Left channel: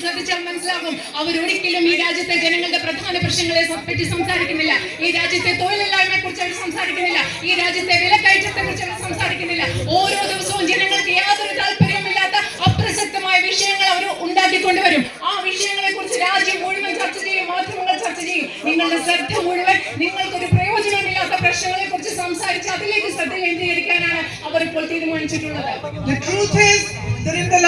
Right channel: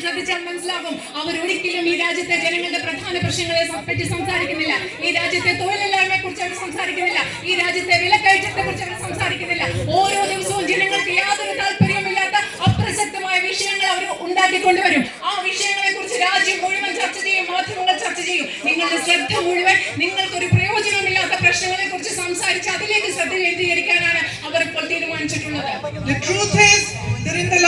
ശ്രദ്ധിച്ചാൽ മനസ്സിലാകും. അവർ ഒരിക്കലും ഈ രാജ്യത്തെ ജനങ്ങളുടെ പ്രധാന പ്രശ്നങ്ങളെ പറ്റി സംസാരിക്കുന്നില്ല. ഈ രാജ്യത്തെ തൊഴിലില്ലായ്മയെ കുറിച്ച് അവർ സംസാരിക്കുന്നില്ല. ഈ രാജ്യത്തെ വിലക്കയറ്റത്തെ കുറിച്ച് അവർ സംസാരിക്കുന്നില്ല. ഓരോ ദിവസവും ജനങ്ങൾക്ക് യാതൊരു താല്പര്യമില്ലാത്ത അപ്രസക്തമായ വിഷയങ്ങൾ അവർ ഉണ്ടാക്കിക്കൊണ്ടുവരും. ആ വിഷയങ്ങളെ കുറിച്ച് രാജ്യം മുഴുവൻ ചർച്ച ചെയ്യും മാധ്യമങ്ങൾ ചർച്ച ചെയ്യും. നിങ്ങളുടെ ശ്രദ്ധ മുഴുവൻ നിങ്ങൾക്കൊരു പ്രയോജനമില്ലാത്ത പ്രശ്നങ്ങളെ കുറിച്ച് സംസാരിച്ച് അതിലേക്ക് ശ്രദ്ധ കേന്ദ്രീകരിക്കാനാണ് അവർ ഇപ്പോൾ തീരുമാനിച്ചിട്ടുള്ളത്. The truth is that in the last 10 years,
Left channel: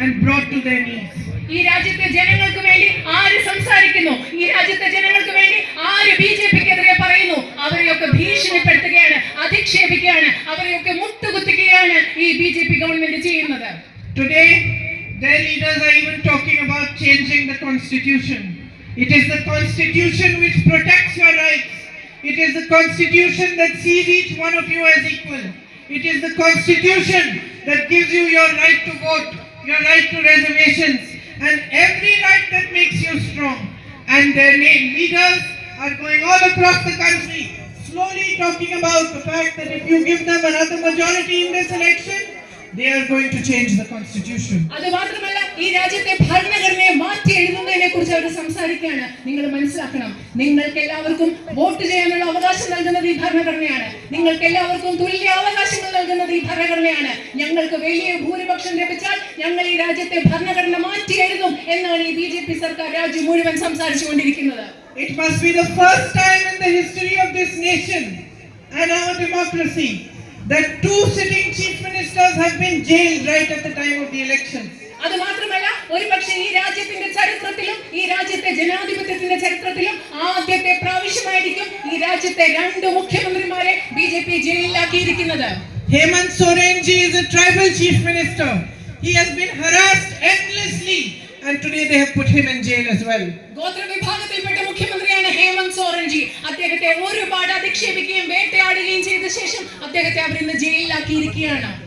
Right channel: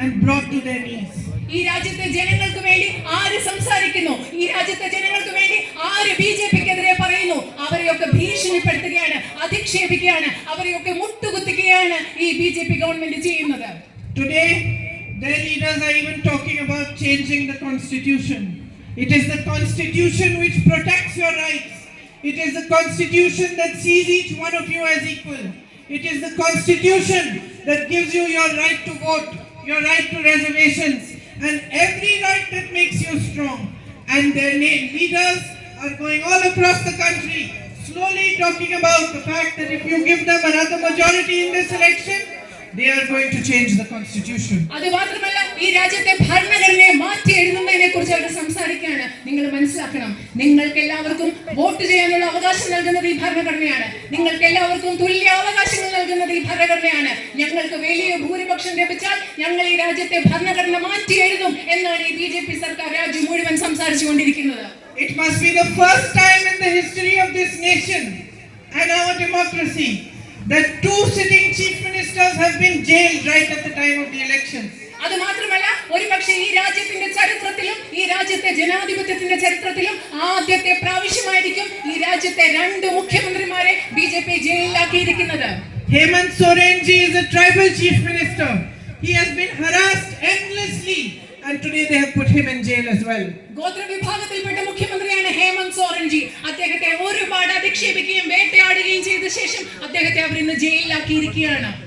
and brought to their knees. ഈ രാജ്യത്തെ ജനങ്ങൾക്ക് വേണ്ടി ആര് സംസാരിക്കുന്നു ഈ രാജ്യത്തെ ജനങ്ങൾക്ക് വേണ്ടി ആര് ബി ജെ പിക്കെതിരെ പറയുന്നു അവരെയൊക്കെ ഭീഷണിപ്പെടുത്തുകയാണ് അധിക്ഷേപിക്കുകയാണ് അവരെയൊക്കെ മുട്ടുകുത്തുകയാണ് ഈ ബി ജെ പി ഗവൺമെന്റ് ചെയ്യുന്നത് Today, their leaders are even talking about changing the constitution. It is the constitution which protects your rights. It is the constitution that sees each one of you as equal. It is the constitution that gives you your right to vote, your right to reservations, and every right that makes you strong. And their na- leaders are going all across the country, slowly talking about the fact that if you give them another majority in this election, they are going to change the constitution. അത് മാത്രമല്ല ഈ രാജ്യത്തെ ഭരണഘടനയെ മാറ്റി എഴുതുന്നതിനെ കുറിച്ച് അവർ സംസാരിക്കുകയാണ് നിങ്ങൾ മനസ്സിലാക്കണം നിങ്ങൾക്ക് എല്ലാവർക്കും വോട്ട് ചെയ്യാനുള്ള അവകാശം നൽകുന്നത് ഈ ഭരണഘടനയാണ് നിങ്ങൾക്ക് എല്ലാവർക്കും തുല്യ അവകാശങ്ങൾ നൽകുന്നത് ഈ ഭരണഘടനയാണ് ഞങ്ങൾക്ക് വലിയ ഭൂരിപക്ഷം ലഭിച്ചാൽ ഞങ്ങൾ ഈ രാജ്യത്തെ ഭരണഘടന മാറ്റി എഴുതും എന്നാണ് ഈ ബി ജെ പി സർക്കാർ രാജ്യം മുഴുവൻ സംസാരിച്ചുകൊണ്ടിരിക്കുന്നത് It must be the first time in the history of this nation and our democracy that two sitting chief ministers have been jailed right at the time of the elections. അത് മാത്രമല്ല ഒരുപക്ഷെ ഈ രാജ്യത്തിന്റെ ചരിത്രത്തിലും ഈ രാജ്യത്തെ ജനാധിപത്യത്തിന്റെ ചരിത്രത്തിലും ആദ്യത്തെ പ്രാവശ്യമായിരിക്കും ഈ രാജ്യത്തെ രണ്ട് മുഖ്യമന്ത്രിമാരെ ബി ജെ പി ജയിലിലാക്കിയിരിക്കുന്നത് Hemant Soren ji is a tribal chief minister. He has been harassed endlessly and today they have put him in jail as well. ഗോത്ര വിഭാഗത്തിൽപ്പെട്ട മുഖ്യമന്ത്രിയാണ് ഹേമന്ത് സോറൻജി അദ്ദേഹത്തെ ഒരുപാട് അധിക്ഷേപിക്കുകയും വേട്ടയാടുകയും ചെയ്ത ശേഷം അദ്ദേഹത്തെ അവർ ഇന്ന് ജയിലിലാക്കിയിരിക്കുകയാണ്